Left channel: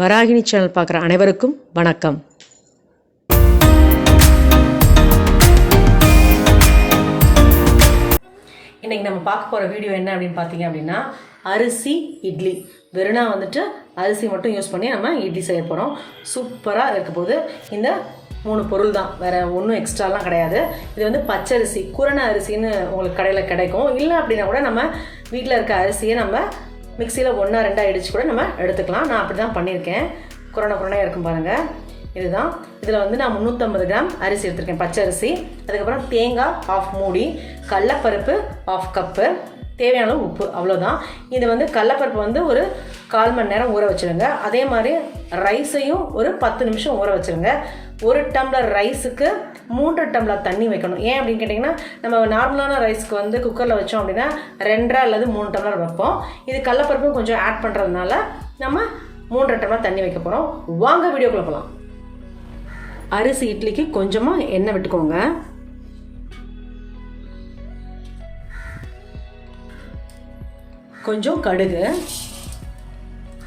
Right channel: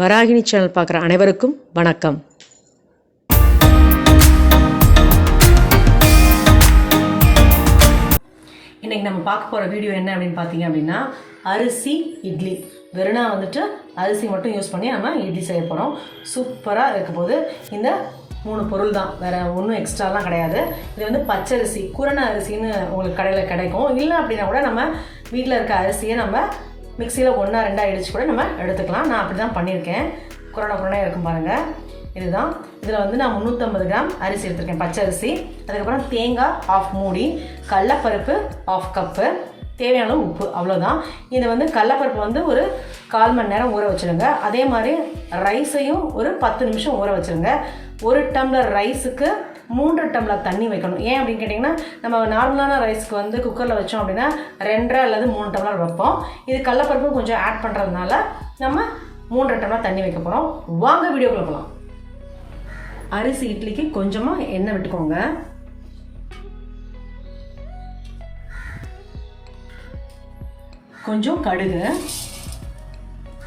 Varahini channel பார்க்குற அனைவருக்கும் வணக்கம். இன்றைக்கி நம்ம பார்க்க போகிற வீடியோ என்ன அப்படின்னு பார்த்தீங்க அப்படின்னா, அரிசி இட்லி. வெறுனா அரிசி மட்டும் யூஸ் பண்ணி நம்ம இட்லி செய்ய போகிறோம். சூப்பராக இருக்க போது. இந்த 3 பொருள் தான், வேறு ஒன்றும் எக்ஸ்ட்ராலாம் கிடையாது. இது பச்சரிசி, குரண அரிசின்னு உங்களுக்கு கடையில் கிடைக்கும். இல்லை அப்படின்னா கூட நம்ம வீட்டில் இருக்க அரிசியை நம்ம மிக்சியில் 1-2 அடித்து கூட நம்ம எடுத்துக்கலாம். நான் அப்படி தான் பண்ணியிருக்கேன். குறையாக இருக்கும் பாருங்கள். இதுதான். இதில் நான் 350 கிராம் அரிசி எடுத்திருக்கேன், பச்சரிசி. அதுக்கப்புறம் தேங்காய் 1/2 மூடி, கடலப்பருப்பு 1/2 கப்பு, தேவையான உப்பு, அவ்வளோதான். இது கடலப்பருப்பு ஒரு 1/4 மணி நேரம் ஊற வச்சுருங்க. அதே மாதிரி ரைஸையும் ஒரு 10 நிமிஷம் ஊற வச்சுருங்க. 1 டம்ளர் ரைஸுக்கு 3 டம்ளர் தண்ணி வைக்கணும். ஏன் அப்படின்னு கேட்டிங்கன்னா, நம்ம நார்மலான ரைஸ்க்கு குக்கரில் வச்சோம் அப்படின்னா 2 அல்லது 3 டம்ளர் வைப்போம். இது கடலப்பருப்பும் கொஞ்சம் ஆட் பண்ணுறதுனால நம்ம 3 டம்ளர் தண்ணி வைக்க போகிறோம். வாங்க வீடியோக்குள்ள போகலாம். அரிசி இட்லிக்கு கொஞ்சமாக எண்ணெய் விட்டுக்கோங்க. கொஞ்சம் கடுகு,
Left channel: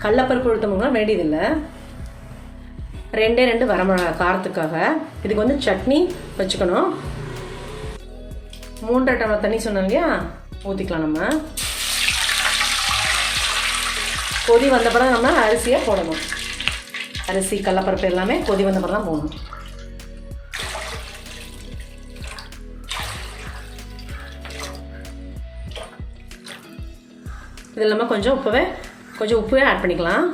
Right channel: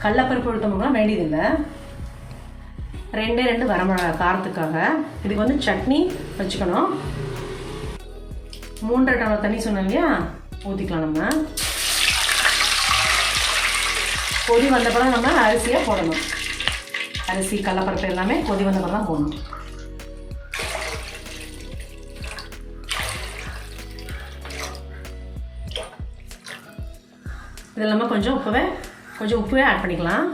கடலப்பருப்பு உளுத்தம்னா வேண்டியதில்லை. 2 வரமிளகாய் காரத்துக்காக. இதுக்கு சட்னி வச்சுக்கணும். 3 டம்ளர் தண்ணி சொன்னோம் இல்லையா, ஊற்றிக்கலாம். நம்ம கொதி வந்தப்பறம் நம்ம அரிசியை போடணும். அரிசி கடலப்பருப்பு எல்லாமே கொதி வந்தப்பறம் தான் போடணும். இது இல்லாமல் கொஞ்சம் உப்பவே ஆட் பண்ணிக்கலாம்.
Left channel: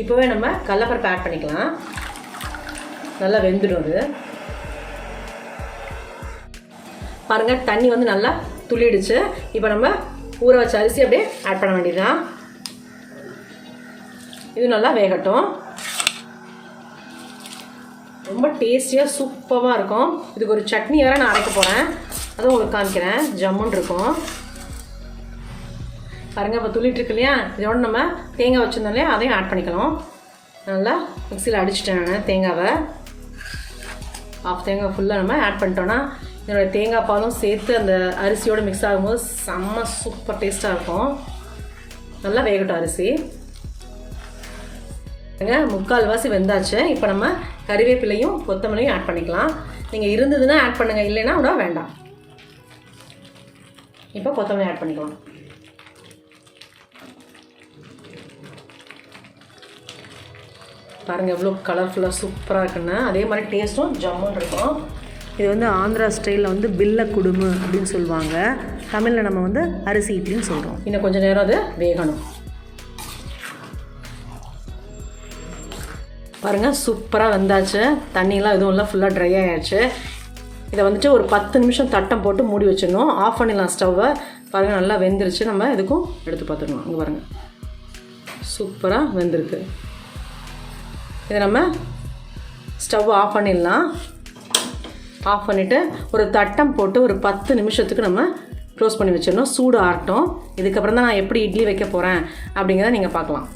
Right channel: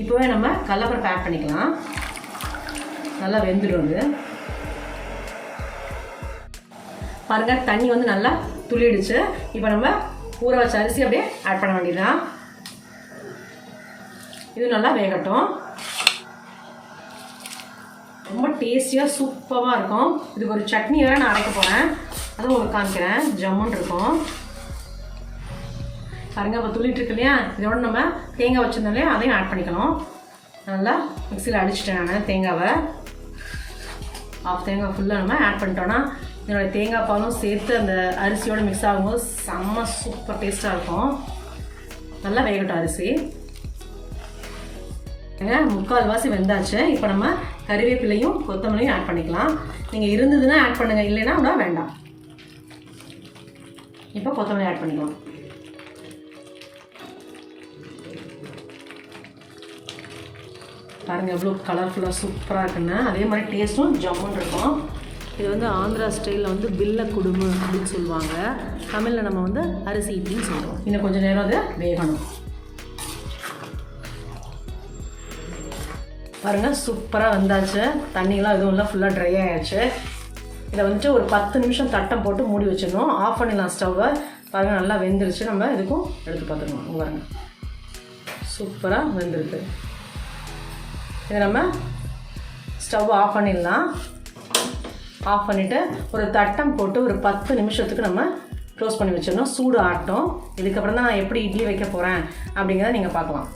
இப்போவே நம்ம கடலப்பருப்பு ஆட் பண்ணிக்கலாம். நல்லா வெந்துடும். பாருங்கள், தண்ணி நல்லா துளிடுச்சு. இப்போ நம்ம ஊற வச்ச அரிசி அப்படியே ஆட் பண்ண வேண்டியதுதான். இது நல்லா வேகட்டும். ரொம்ப டேஸ்டியாக சூப்பராக இருக்கும். இதுக்கு ஒரு சட்னி வேறு நான் அரைக்க போகிறேன், அதுவும் உங்களுக்கு காமிக்கிறேன். ஜம்முன்னு இருக்கும் பாருங்கள். இப்போ துளிட்டு இருக்கு இல்லையா, இதோட நம்ம தேங்காய் வச்சுருந்தோம் இல்லையா, அதையும் ஆட் பண்ணிக்கலாம். நல்லா மிக்சியில் அடிச்சிட்டேன் நான் தேங்காவை. 1/2 தேங்காய் ஃபுல்லாக நம்ம ஆட் பண்ணிட்டோன்னா என்னோடய தேங்காய் பாலும் சேர்த்து அந்த அரிசியோடு மிக்ஸ் ஆகும்போது செம்ம சூப்பர் டேஸ்ட்டாக இருக்கும். நல்லா வேகட்டும் அரிசி. 3/4 வெந்தாச்சு. இப்போ நம்ம கறிவேப்பிலையும் கொத்தமல்லியும் ஆட் பண்ணிக்கலாம். நீங்கள் இருந்ததுன்னா ஆட் பண்ணுங்கள், இல்லைன்னா கூட வேண்டாம். இப்போ கொத்தமல்லி ஆட் பண்ணிக்கலாம். பாருங்கள் எவ்வளோ கலர்ஃபுல்லாக சூப்பராக இருக்குன்னு. அதே மாதிரி டேஸ்ட்டும் ஜம்முன்னு இருக்கும். இது ஆந்திரா ஸ்டைலில் பில்ல குடுமு அப்படின்னு சொல்லுவாங்க. தமிழில் நம்ம அரிசி இட்லின்னு சொல்கிறோம். இன்னும் கொஞ்சம் நேரம் அது வேகணும். பாருங்கள், சூப்பராக வந்தாச்சு. தண்ணியெலாம் எதுவும் இல்லை, ஃபுல்லாக ட்ரை ஆகிடுச்சு. இதை ஒரு 10 நிமிஷம் தட்டம் போட்டு மூடி வச்சிடணும். ஆஃப் பண்ணிடலாம் ஸ்டவ்வை. பாருங்கள், நல்லா வெந்துருச்சு. நம்ம இதுக்கும் எடுத்து பார்த்துக்கணும். இங்கே பாருங்கள், சூப்பராக வெந்திருக்கு. இதை நம்ம ஸ்டவ் ஆஃப் பண்ணிடலாம். ஆஃப் பண்ணிவிட்டு ஒரு தட்டம் போட்டு ஒரு 10 நிமிஷத்துக்கு நம்ம க்ளோஸ் பண்ணி வச்சிடணும். சூடு ஆகட்டும். இதுக்கப்புறம் தான் நான் எப்படி இட்லி வைக்க போகிறேன் அப்படிங்கிறத நீங்கள் பார்க்கலாம்.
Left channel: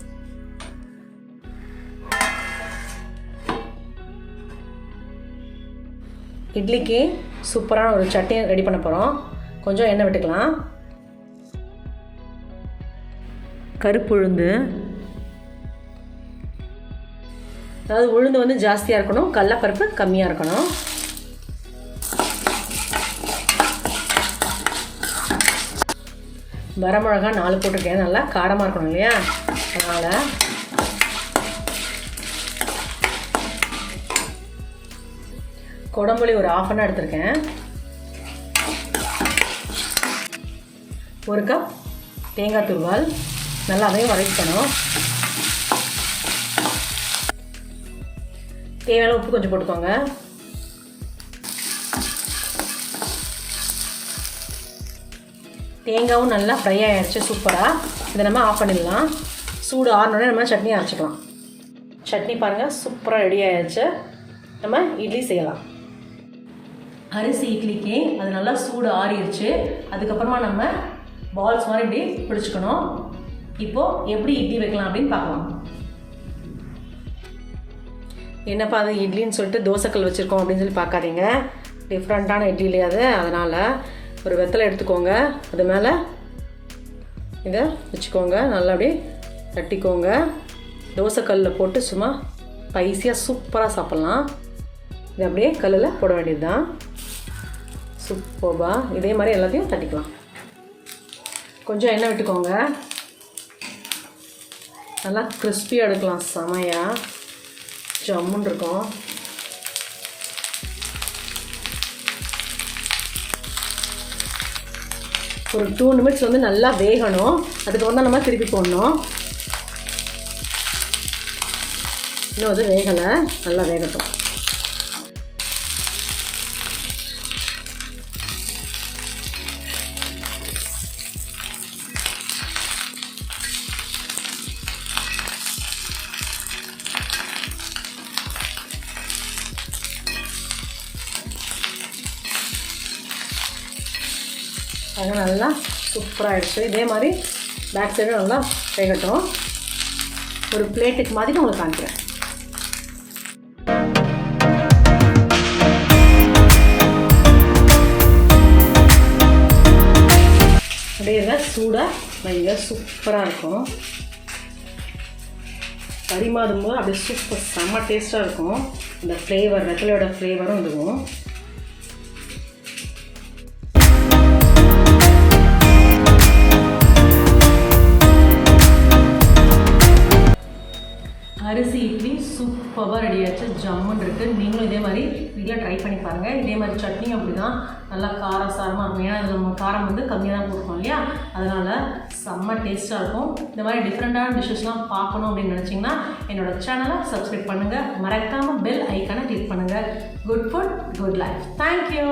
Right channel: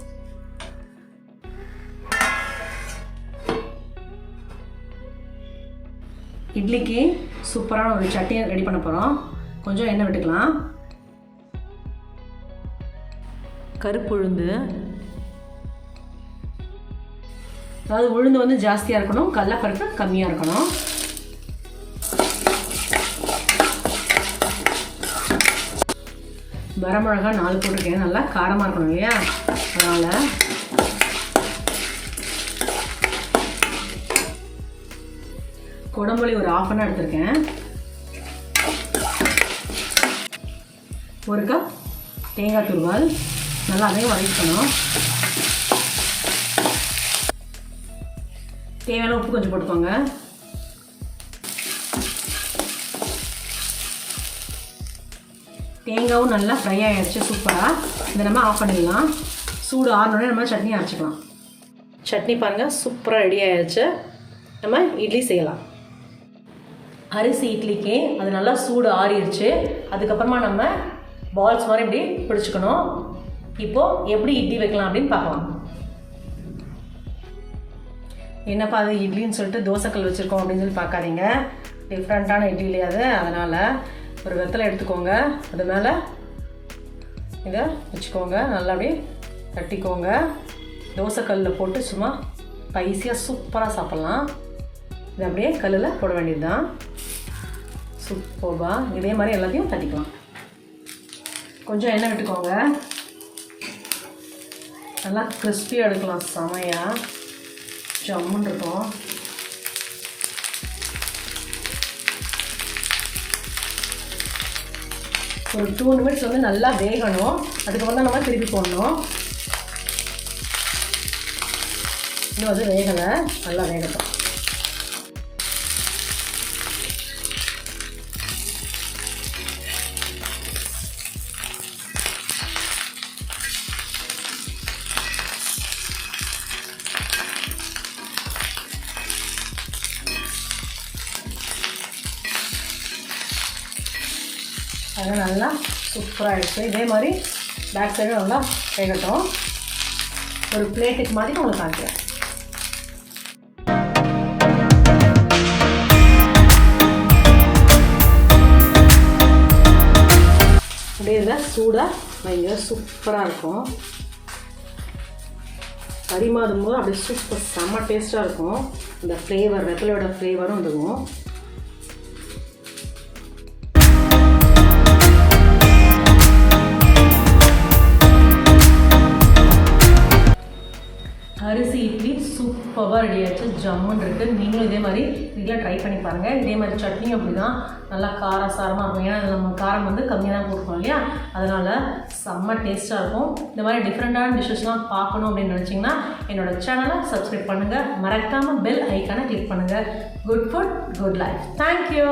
இட்லிக்கு சூப்பரான ஒரு சட்னியை ரெடி பண்ண போகிறோம். கொஞ்சம் எண்ணெய் விட்டுக்கலாம். கருப்பு உளுந்து, அதாவது உளுந்து ஜாஸ்தியாக இருக்கணும், கடலப்பருப்பு கம்மியாக இருக்கணும். வரமிளகாய் 4 போட்டிருக்கேன். நல்லா காரமாக இருக்கணும் இல்லையா, அதனால். குடம்புளி ஒரு 1/2 எடுத்திருக்கேன். 1 கப் தேங்காய் துருவல். நல்லா அதையும் வதக்கணும். தேவையான உப்பு கொஞ்சம் போட்டுக்கோங்க. தேங்காயும் நல்லா ஃப்ரை ஆகிடுச்சு சூப்பராக. இதை நம்ம ஆஃப் பண்ணிடலாம். சூடு ஆறினோடனே நம்ம சட்னி அரைச்சிக்கலாம். சட்னி பாருங்கள், சூப்பராக ரெடி ஆகிடுச்சு. நம்ம இட்லி செய்யலாம். அரிசி இட்லிக்கு அது நல்லா சூடு ஆறிடுச்சு. அதுக்கப்புறமா நம்ம பால்ஸ் மாதிரி இப்படி பிடிச்சிக்கணும். இப்போது எப்படி இட்லி வைக்கலாம் அப்படின்னு பார்க்கலாம். என்னப்பா அது இட்லின்னு சொல்லிட்டு தோசைக்கல் வச்சுருக்கோம் அப்படின்னு சொல்லி பார்க்காதீங்க. டிஃப்ரெண்ட்டான இட்லி இல்லையா அது. அதனால் ஒரு வெத்தலை எடுத்துக்கோங்க. அது மேலே இதை வச்சுக்கோங்க, நல்லா அப்படியே தட்டிக்கோங்க. தோசைக்கல்லில் போட்டு சும்மா ஸ்பைஸியாக சூப்பராக சாப்பிட்லாம். இதை அப்படியே கல்லில் போட வேண்டியது தான். சூப்பராக இதே மாதிரி எல்லாத்தையும் தட்டிக்கலாம். கொஞ்சம் எண்ணெய் விட்டுக்கோங்க, நல்லா கிறிஸ்பியாக எடுக்கலாம். செமையாக ஜம்முன்னு இருக்கும். ஒரு 2 நிமிஷம் வந்து நல்லா வேகணும். அதுக்கப்புறம் தான் நம்ம திருப்பி போடணும். இன்னும் அது வேகலை, நல்லா வேகட்டும். அது நல்லா சூப்பராக ஆகிடுச்சு. இதே மாதிரி பேக் சைடும் நல்லா வேகட்டும். ஒரு பிளேட்டுக்கு மாதிரி உங்களுக்கு காமிக்கிறேன். அப்படியே இதில் சூடாக நல்லா சூப்பராக இருக்கும். பரிமாறும் போது அப்படியே சூப்பர் செம்ம டேஸ்ட்டாக இருக்கும். இந்த ஃப்ளேவர் வெத்தலையோட ஃப்ளேவரும் இதுவும். அரிசி இட்லி சூப்பராக ரெடி ஆகிடுச்சு, ஜம்முன்னு இருக்குது. நீங்களும் இதே மாதிரி வீட்டில் ட்ரை பண்ணி பாருங்கள். இதே மாதிரி சட்னியும் அப்படி தான் நல்லா காரசாரமாக இருக்கும். ஏன்னா அது நம்ம காரம் வந்து கம்மியாக தான் போட்டுருக்கோம் இல்லையா, அதனால் செம்ம டேஸ்ட்டாக இருக்கும். இந்த மாதிரி டிஃப்ரெண்ட்டான டிஷ்ஷஸ்லாம் பார்க்கணும் அப்படின்னு நினச்சிங்கன்னா என்னோடய சேனலை சப்ஸ்கிரைப் பண்ணுங்கள். மறக்காமல் பெல் ஐக்கானை கிளிக் பண்ணுங்கள். Good food good life. Thank you.